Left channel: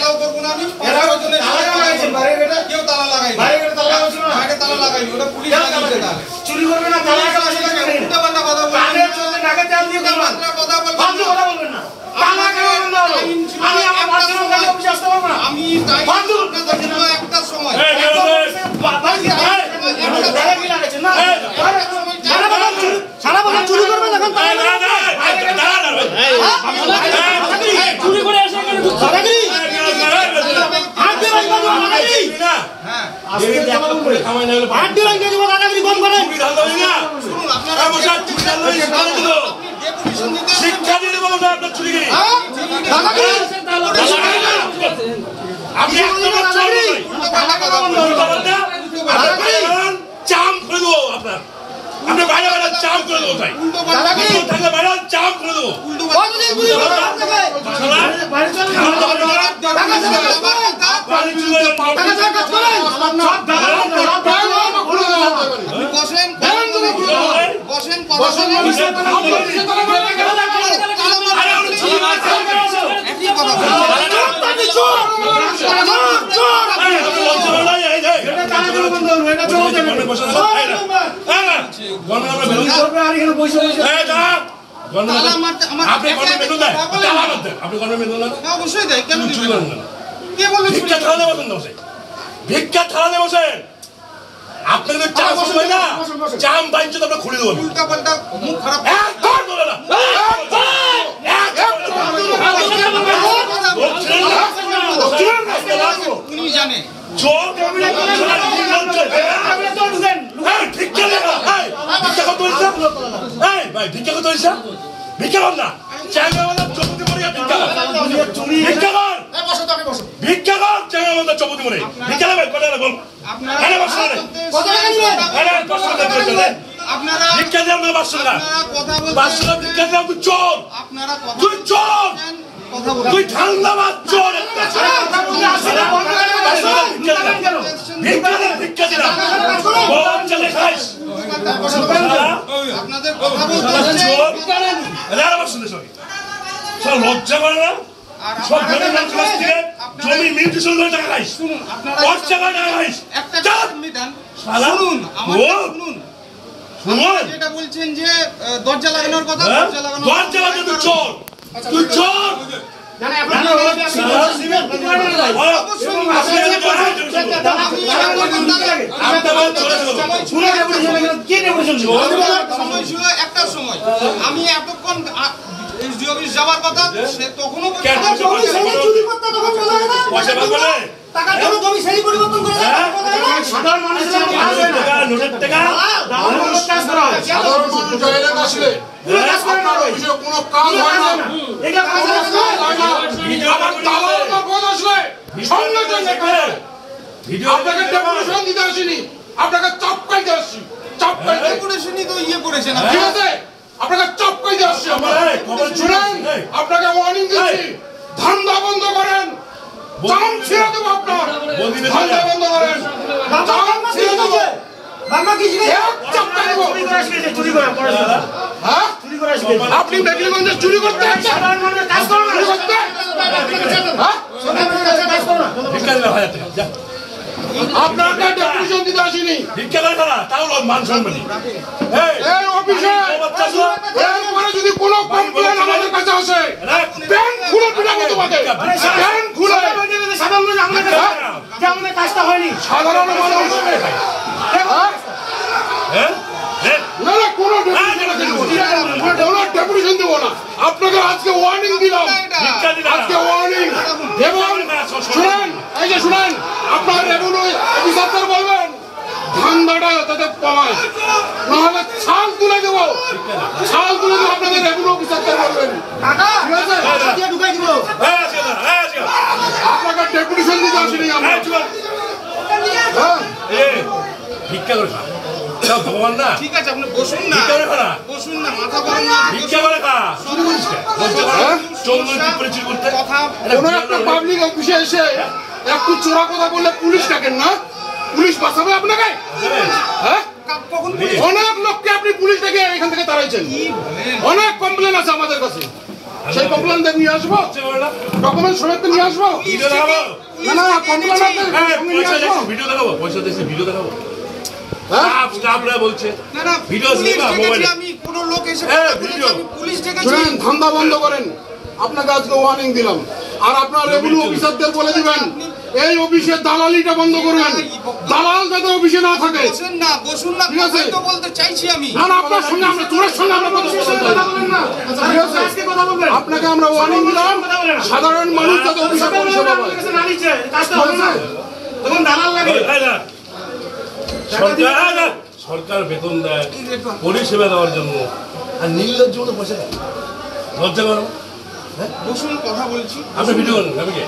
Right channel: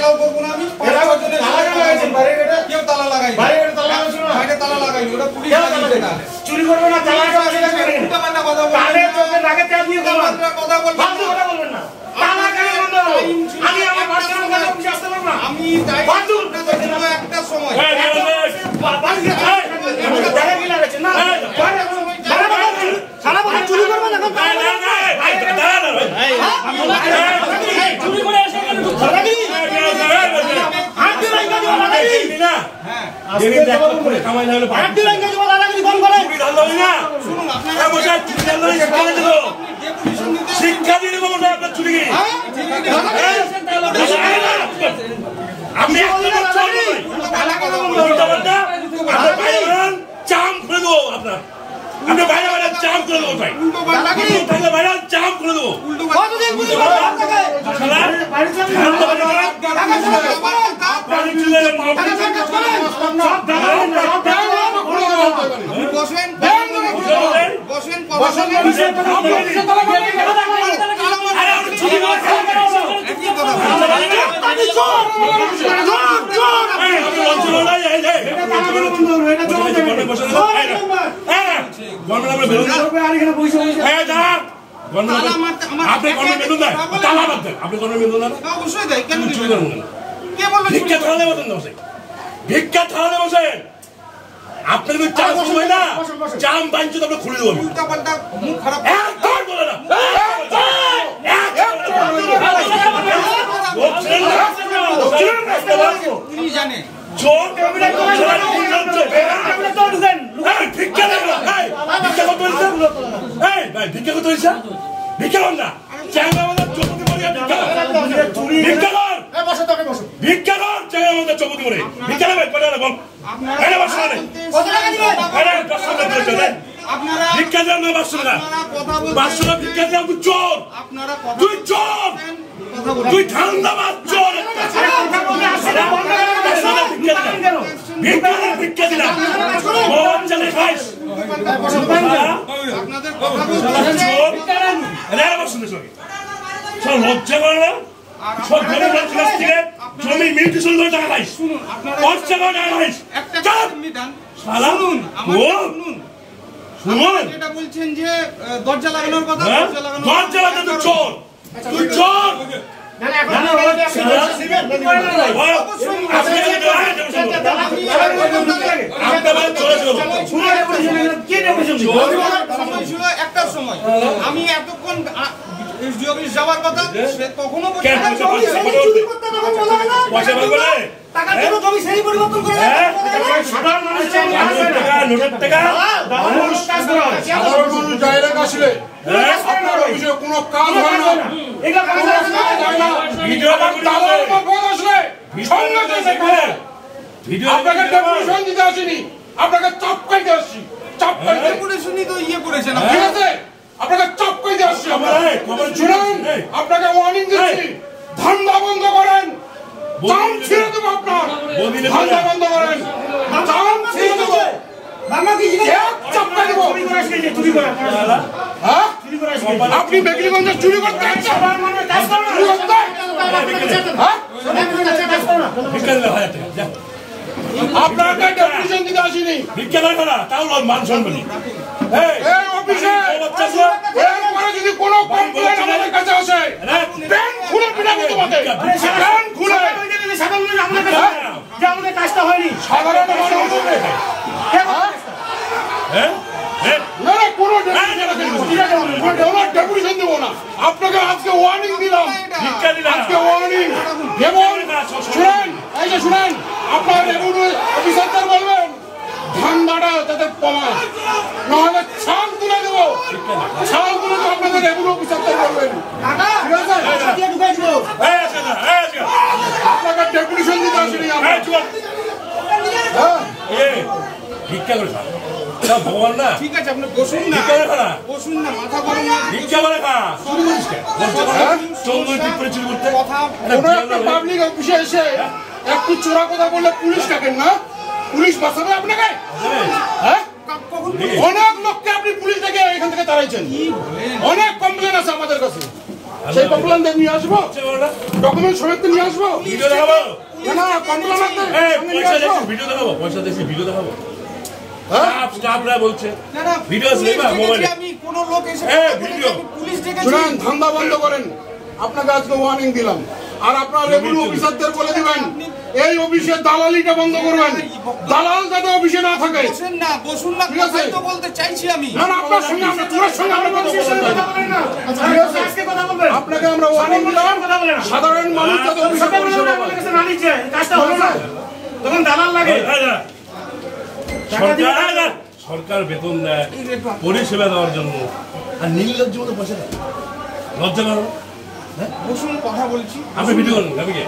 Allow করব না আমি। তালা লাগাইছেন বাইরে এটা কেউ তালা লাগাই বাইরে এটা তালা লাগাইছেন না বাইরে তালা লাগাই ওটা পুলিশ লাগাইছে না চুরি করবে না তালা লাগাইছে না উল্টা পাল্টা কথা বলবেন কানে চোখে নাকে তেল দিয়ে কথা বলবেন ফালতু কথা বলবেন না তালা কেন বন্ধ হলো আমি আমার পার্সোনাল কাজে অফিসে আসতে পারবো না আমি তাই ফালতু কথা বলবো একটা সময় তালা কি লাগাইছেন না সারা বছর চুরি করবে না এখন তালা চুরি করে এসে কেন লাগাই হাত দিয়ে লাগাই না হ্যাঁ আজকে জবাব করে কামাই না হলে হাত দিয়ে লাগাই দিব লাগাই ফোন করে চুরি ঢাল হই না শুনুন আপনারা বসে চুরি ঢাল হই কালে দিল শিক্ষা দিয়ে দিব বসে আপনার চুরি কি আপনি একটা চুরি তালা কথা বলুন উল্টা আপনি বাইরে চাম করে দেব আপনার আপনি বাইরে বাইরে চাম করে দেব ভাই উল্টো পাল্টা কি তাহলে বাইরে চাম করে দেব উল্টো পাল্টা যদি পুলিশ শালা বাইরে চলে বাড়ি চলে বসেন বসেন বসেন আরে উনি চলে গেছে একই কথা ভিক্ষা থালাতে বসেন আপনি যদি চাম সময় না চাম বাঞ্চ তো খুলে দেবো উল্টা পাল্টা মুখ খারাপ একদম বলে না উনি জানে জোর ভিক্ষা কত ভাই ভিক্ষা কত ভিক্ষা কর না চাঙ্গা চৌপতি মরে ভিক্ষা কর ভিক্ষা কর চাঙ্গা চৌপতি মরে ভিক্ষা দেবে কটা বল ভিক্ষা দেব না 500 টাকা 500 টাকা ভিক্ষা দেব তুই চোর তুই চোর তুই ঠান্ডাবাদ চোর একটা ভিক্ষা দিলাম বহুত চলে খাইস আপনাদের কথা বলতে সব লজ্জা করে না সব গরিব মানুষের কাছ থেকে জমি মিউটেশন করে টাকা খাইস খরচা করে টাকা খাইস একটা মিটান শুনুন শুনুন যেটা বলছেন যে দরজা লাগানোর কথা দরজা লাগানো তুই চোর তুই চোর না না এখন একটা সময় আমি এতক্ষণ যাওয়ার কথা সে কখনো টাকা জন্য জমি সেই পরিবর্তন করে সাধারণ মানুষের টাকা সাধারণ মানুষ জায়গা আসলে আপনার অফিসে কোনো কাজ হয় না এটা কাজ হয় না ভিডিও তালার পথ আসলে সঙ্গে সঙ্গে আপনাকে ডেপুটেশন দিতে আসিনি আপনাকে চাপকাইতে আসছি চাপকাইতে ডেপুটেশনই তো ইয়ে করেছেন ঠিক আছে আপনাকে চাপকাইতে আসছি শুনুন আপনাকে ওয়ার্নিং দিচ্ছি ধান্দা বন্ধ করেন চাম ছেড়ে দেবো আপনার ধান্দা বন্ধ করেন চাম ছেড়ে দেবো আপনি মেঘলিগঞ্জে চুরি করতে আপনাকে ডেপুটেশন দিতে আসিনি ভিক্ষা দেয় না তাও মান সম্মান যদি কোনো কমপ্লেন আমাদের কাছে আসে ব্যাংক খুলে পিটাবো তোমাকে ব্যাংক খুলে আমাদের কাজটা হয়নি সাধারণ মানুষ ডেপুটেশন দেবো না আপনাকে আজকে ওয়ার্নিং দিলাম আজকে ওয়ার্নিং এবং শুনেন এই যে শুনেন আপনার রেভিনিউ অফিসার বলবেন ধান্দাটা যাতে কমায় নাহলে ছাল তুলে দেবো ছাল তুলে দেবো আপনাদের রেভিনিউ অফিসার বলবেন আপনাকে ডেপুটেশন দিতে আসেনি ভিক্ষা করে খা ভগবান না ঠিক আছে আপনি বসুন না ভিক্ষা করে খা বসুন না মাথা গরম না ভিক্ষা করে খা চুরি করিস কেন চোর টিপরে চুরি করতে কথা কোনো একটা পাবলিক অফিসে এসে একটু চোরা কথা বললে পুলিশ ডাকেন না পুলিশ বাঁচাবে আপনাকে হ্যাঁ অনেক লোককে আপনি পুলিশ ডেকে এখান থেকে তাড়াইছেন অনেক কমপ্লেন আছে আমাদের কাছে সেই কমপ্লেন নিয়ে আসবো, ডকুমেন্ট সমেত নিয়ে আসবো। ভিডিও দেখাবো না কমপ্লেন ভিডিও দেখাবো, পয়সা দিয়েছি ভিডিও দেখাবো। স্টাফরা বলছে ভিডিও মোবাইলে আমি কোন লোক এসে পুলিশ ডেকেছি। শুনেন, ধান্দা বন্ধ করেন। আপনাকে আজকে ওয়ার্নিং দিলাম। আর আপনার রেভিনিউ অফিসারদের বলে দিবেন এই অফিসের দালালিটা বন্ধ করবেন। দালাল যাতে অফিসে না থাকে। বসুন না, বসুন না, ঠিক আছে? কথা তো বলতে চাইছি আমি। না আপনার সঙ্গে আমরা তোর সঙ্গে আমরা কথা বলবো না। আজকে কথা বলবেন। আপনাকে আমরা ওয়ার্নিং দিলাম, সাধারণ মানুষ যাতে অফিসে পরিষেবা পায়। তখন দালাল লাগে। সরকার বেতন দেয় পরিষেবা দেওয়ার জন্য, আর নির্লজ্জ মতো পয়সা দেয়। লজ্জা করে না? বসুন, কথা বলছি। আপনি ভিডিও করেন, আমি কে?